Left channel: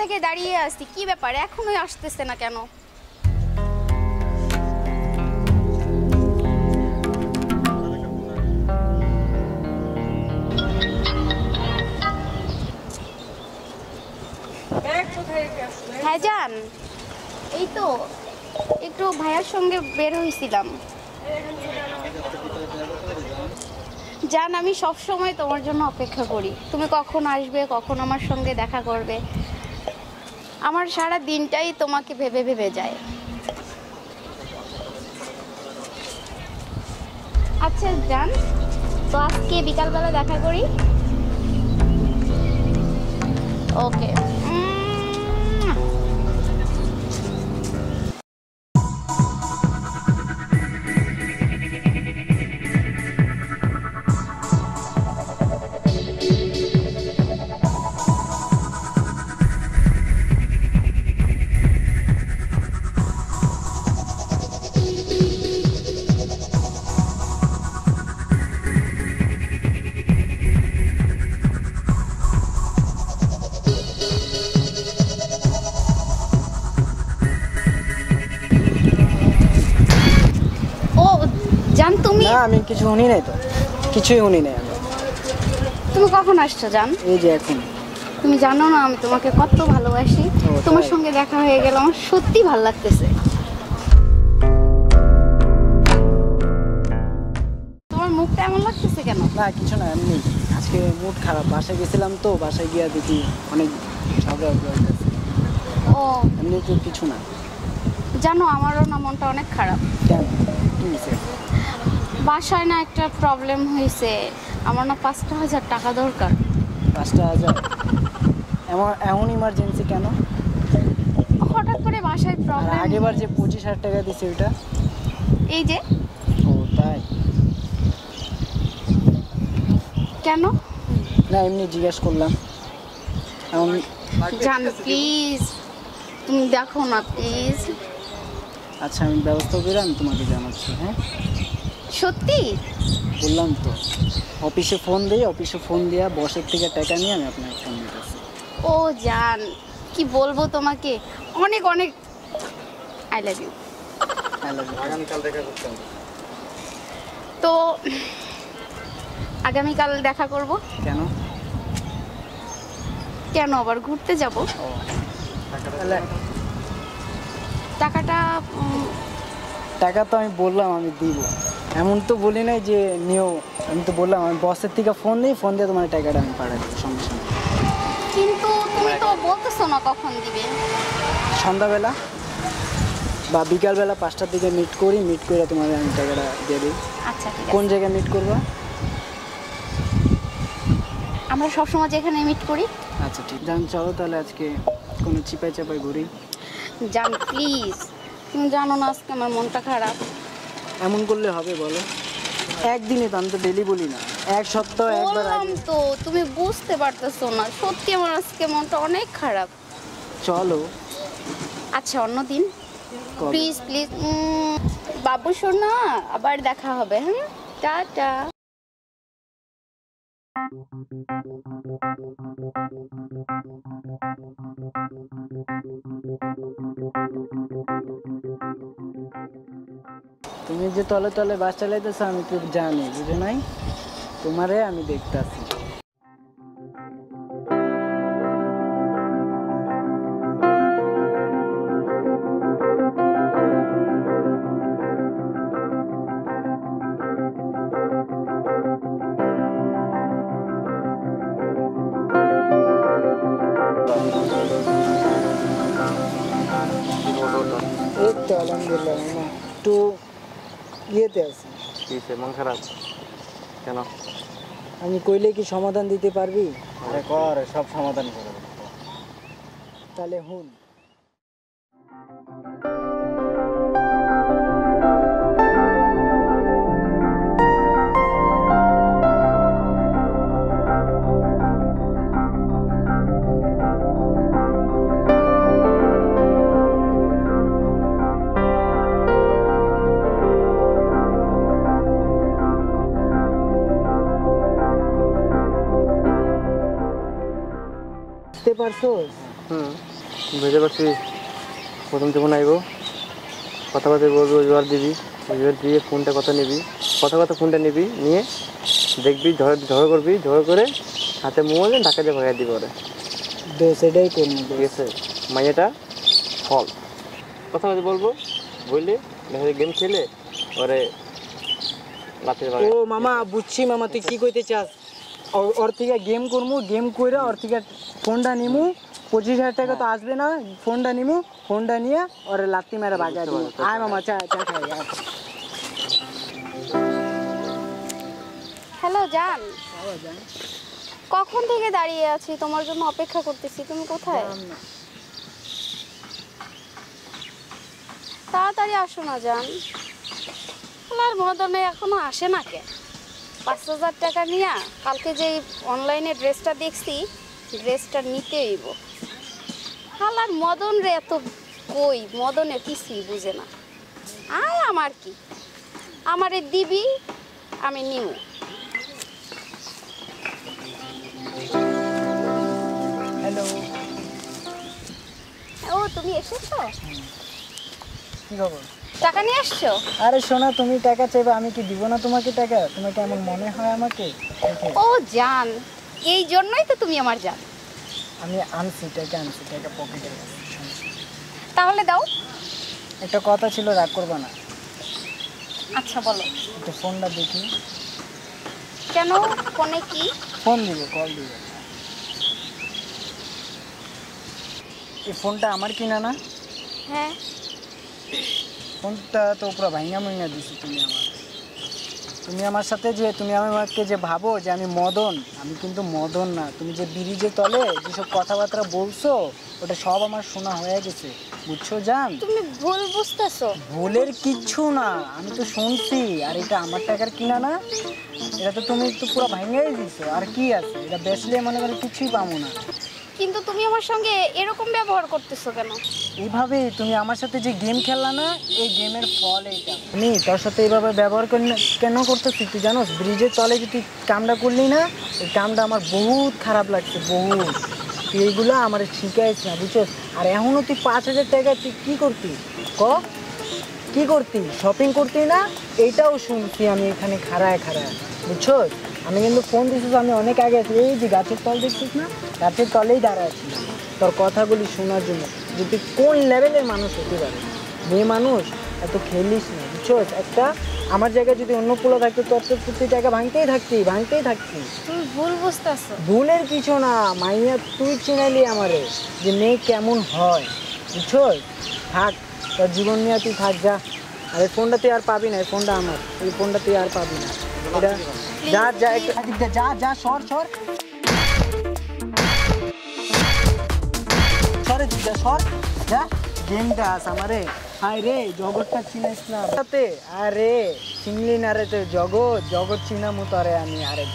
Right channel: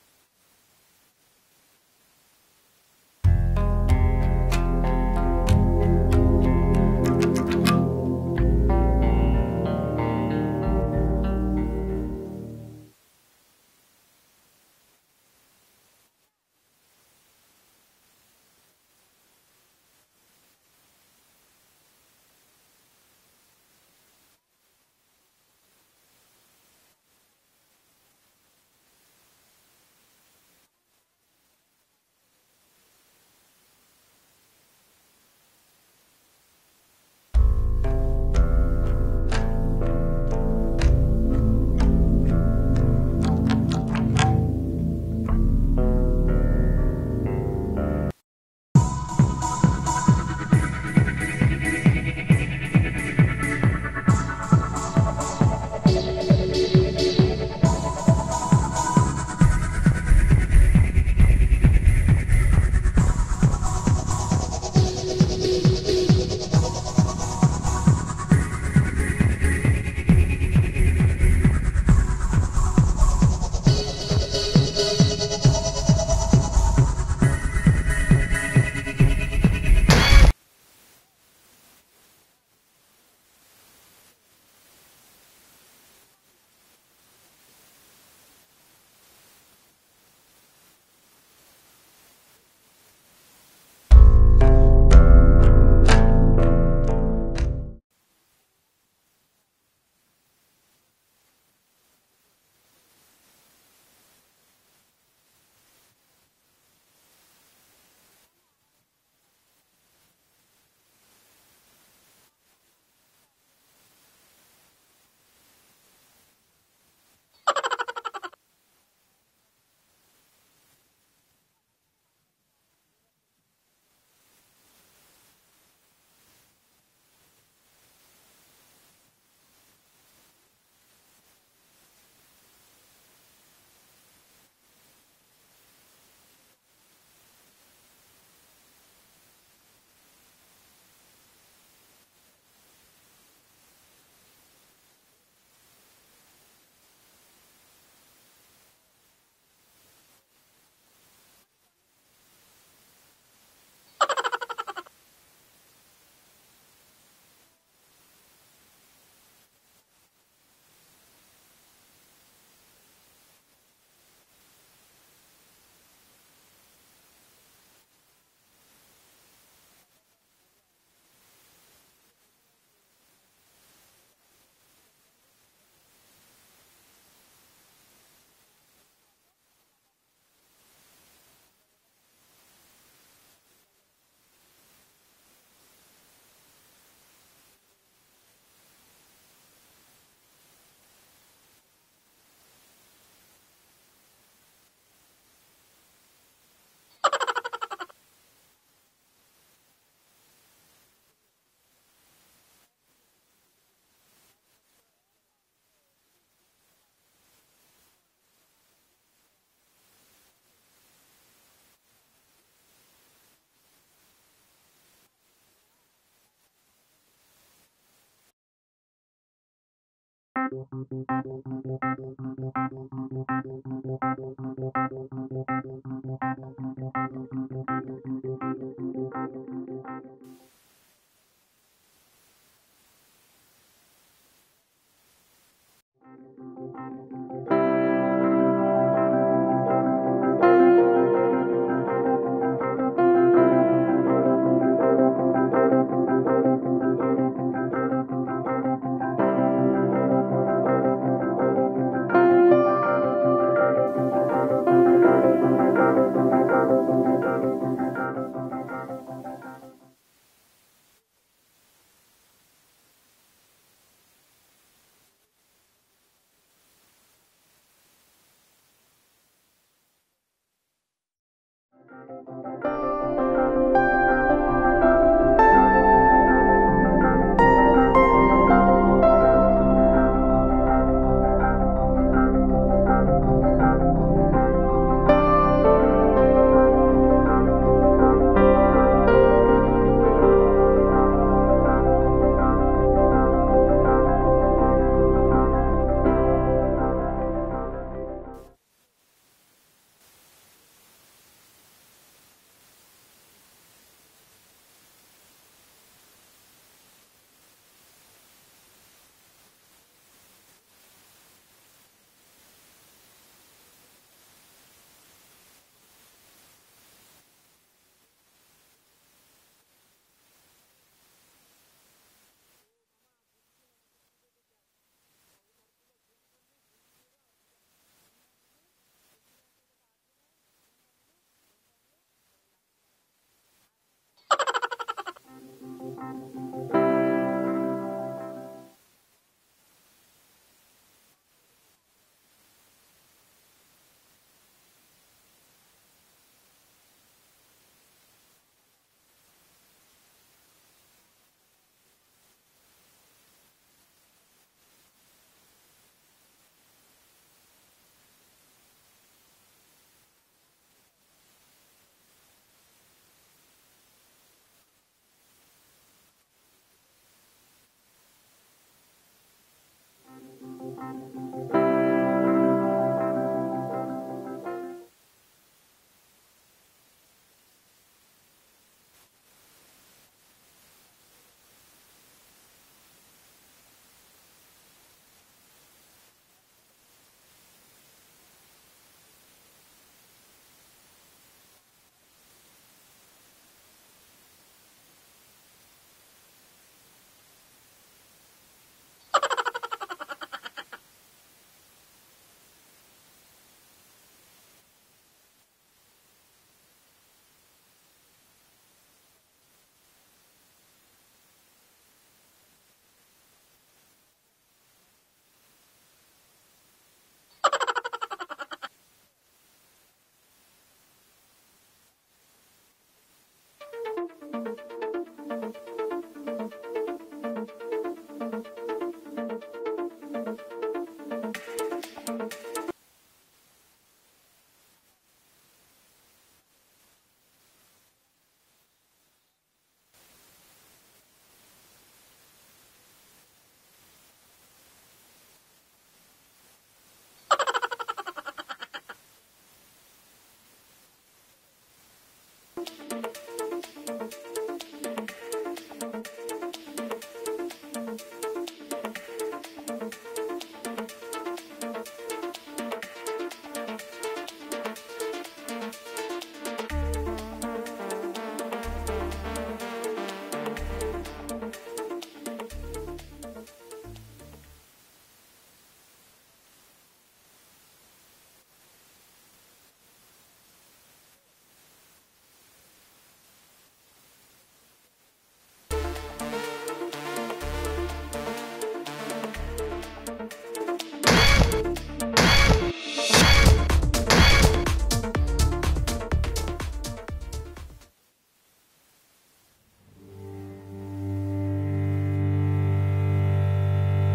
থেকে দাঁড়িয়ে আছি, কি ব্যাপার এখনোই আসতেছে না কেন? হ্যাঁ জান, এই তো একটু ভাইয়ার সঙ্গে বের হয়েছিলাম। জান, আমি সব সময় তোমার জন্য অপেক্ষা করি, তুমি কখন আসবে, কখন আমার সঙ্গে দেখা করবে। আমার সারা দিনটাই তোমাকে ভেবে ভেবে যায়। আচ্ছা জান, তো আজকে বিকালবেলা দেখা করি। ওকে। জান তুমি? না, আমি কিছু শুনি নাই তো, কিছুই শুনি নাই আমি। তুমি কখন আসছো জান? এই যে এখন। তুমি জানো না আমি তোমাকে কত ভালোবাসি। তোমার সঙ্গে দেখা হয়ে গেল, আমার সত্যি ভালো লাগতেছে। তোমার মুখটা এমন লাগতেছে কেন? না কিছু না, এমনি আজকে মুড খারাপ, বাসায় গেছিলাম তো, বাসায় গিয়া দেখি অনেক ঝগড়া হইতেছে। ও এমনি তো কিছু না। জানো আমারও না মনটা অনেক খারাপ। কেন, কি হয়েছে? বাসায় না একটা প্রবলেম হয়েছে, আমার না 5,000 টাকা দরকার। 5,000? এমন ইমার্জেন্সি কেন? হঠাৎ করে বাসায় আর প্রবলেম। আগেবার যে 25,000 টাকা দিছে ওটা? এই যে। ও তাই? কেন? না এমনি জিজ্ঞেস করলাম। জান প্লিজ, তুমি দেখো না প্লিজ। আচ্ছা আমি ব্যবস্থা করে আমি তোমাকে জানাচ্ছি। হ্যাঁ সত্যি বললাম তো, অফিসে ফোন দিই, অফিসে ফোন দিয়া বসের থেকে টাকা নিয়ে আমি আপনাকে ফোন দিতেছি। ও জান, কি বলবো তোমাকে, অনেক অনেক আই লাভ ইউ। আগামীকাল দেখা করতে হবে। তো আগামীকাল দেখা করব। কেন? কেন আবার ঘুরতে যাব। টাকাটা টাকা তো আমি বললাম আমি দিব, এমন তো বলি নাই যে নিও। আমি তো বললাম আমি বসের থেকে ফোন দিই, ফোন দিয়ে তোমার টাকাটা আমি পাঠাই দেবো সঙ্গে সঙ্গে। কিন্তু তুমি তো বলতেছো না কখন দিবে। সন্ধ্যাবেলা বা বিকালবেলা 5টার দিকে মিট করি, মিট করে তোমার আমি টাকাটা দিয়ে দিই। আচ্ছা ঠিক কোন আছে। জায়গায় মিট করবো? আমরা সবসময় যেখানে মিট করি। আচ্ছা ঠিক জান, চলো তাহলে আজকে কোনো চিপাই চাপাই ঘুরি। জান প্লিজ, তুমি জানো না আজকে আমার মনটা খারাপ। এমন করলে হবে বলো? একদিনে তো, আমি তো ডেলি বলি না, এক সপ্তাহ একবার বললাম আগে। তো, তুমি বুঝতে পারতেছো না, সত্যি আমার আজকে মনটা অনেক খারাপ। চলো। আচ্ছা অন্যদিন কবে? Please please. বাবু সোনা, আবার দেখা হবে। হ্যাঁ, টাটা। তুমি যে তলে তলে বাস চালাইতেছো আমি তো জানি, বুঝে নাই? তোমারে আমি দেখতাছি। এই তো আলহামদুলিল্লাহ, একটু ইয়েতে আছি। মন খারাপ কেন? আমি কইলে কি সমাধান দিতে পারবি? আরে কর, সব সমাধান করে দেবো। তাহলে হুন। বুঝতে পারছো? বুঝতে পারছি। প্রথম যখন আইব কথাবার্তা বলবি, রোজগার দিবি, রোজগার দিয়ে ফোনটা কথা নিবি, কথা ফোনটা নিবি, নিয়ে দেখবি ঝড় করবি, ঝড় করে হাতে মোবাইল ঢাকা দিয়ে ভাগাই দিবি ওরে। সেটাই করবো। ঠিক আছে, মাইয়াটা ফল কথাবার্তা বলবো, বললে গেম খেলে ওরে রাতের ও মামা বুঝছি মামা, তুই কি কইতে চাস? ওর থেকে গেম করবো, গেম কইরা ওর থেকে ফোনটা নিমু, 25,000 টাকা তো আসবে না, ফোনটা নিমু, ফোনটা নিয়ে ওর লাত্তি মেরে বাগা দিব। আয় মামা, চা চা খাই আয়। হ্যালো জান, কখন থেকে দাঁড়িয়ে আছি, তোমার জন্য অপেক্ষা করতেছি। তুমি কোথায়? তাড়াতাড়ি আসো না জান। আমার মদনে এখনো আসে না কে? 5,000 টাকা নিয়ে কালকে যে অনলাইনে ড্রেসটা দেখছি, ড্রেসটা নিতে হইব। হালার মদন রে এত কই, মদনে কিছুই বুঝে না। আয় আমার কি, আমারে দিবি, আমি নিমু। ও তুমি এসেছো? কি খবর? টাকা নিয়ে আসছো? আরে শোনা, তুমি টাকা চাইবে, আমি কি দিব না তোমাকে টাকা? তোমাকে এমন মনে হয় আমাকে? ও জান, এই জন্যই তো তুমি আমার জান। আমি আনছি টাকা পকেটে। তাহলে দাও। একটা কথা ছিল, রাগ করবা না। আচ্ছা বলো। একটু ফোনটা দেখি। কেন, ফোনে কি? ফোন দিবে, কল দিবে। এই ফোনটা আমার কিনা না? হ্যাঁ। ফোনটা তো পুরো ভাঙা দিছি তুমি আমার সাথে যে তুমি আমাকে যে ভাবো যে আমি মদন, আমি কিন্তু মদন না। তুমি যে ব্রিজে তলে যেসব কথাবার্তা বলছো, ওটা সব আমার শোনা হয়ে গেছে, বুঝছো জান? তুমি ভুল বুঝতেছো। ভুলের কিচ্ছু না, আমি তো শুনছি। আর এটা আমার টাকার কিনা না, এটা তো তুমি একটু পুরো ভাঙাই দিছো। আর কি আছে, এটা বেচলে মনে করে কিছুই পাবো না। কিন্তু তুমি আমার সঙ্গে এরকম ব্যবহার করতেছো কেন? এইভাবে তুমি আমার সাথে যে গেম খেললা না, এই গেমের ফল এইটা। আমি তোর সাথে এইভাবে ব্যবহার কেন করতেছি তুই জানোস? ব্রিজের তলে যে তুই কামটা করলি না, এই কামটা আমার বহুত খারাপ লাগছে, বহুত। তুই এইগুলো আমার শিখাইছ না, বুঝছস? আর এখনও তুই 5,000 টাকা তুই কী করতি? কি করতি? শপিং করতি না? এইটাও শুনছি আমি এখানে খাড়ায়, বুঝছস? আমি কিন্তু ফোন দিচ্ছিস, আমি অনেক আগে আছি। এই যে গাছের তল দেখছিস না, গাছের তলেই দাঁড়ায় আছি তোর কথাগুলি শোনার জন্য, যে তুই কোন লেভেলের মানুষ হতে পারে। মেয়ে মানুষ এত খেলিস না, বুঝছস? একটা আমার জায়গায় যদি অন্য কুলো থাকতো, তোর তো প্রতি জায়গা ভাঙতেই থাকতি। তুমি ভুল বুঝতেছো। ভুলের কিছু না মাইয়া, তুই চিনালি আমারে যে মেয়ে কেমন হয়, বুঝছস? থাক, তোর জীবন নিয়ে তুই থাক, যা। আর এই ফোনটা তুই আর পাবি না, এই ফোনটা আমার, এই ফোনটা তুই আর পাবি না। এটা যা একটু যা সর সরে তুই যা গেমটা আস আমারে। হায় রে, জগৎটা চিনিস না? আরে চিনলি না রে, জগৎ চিনার মতো। আরে আমি আরেক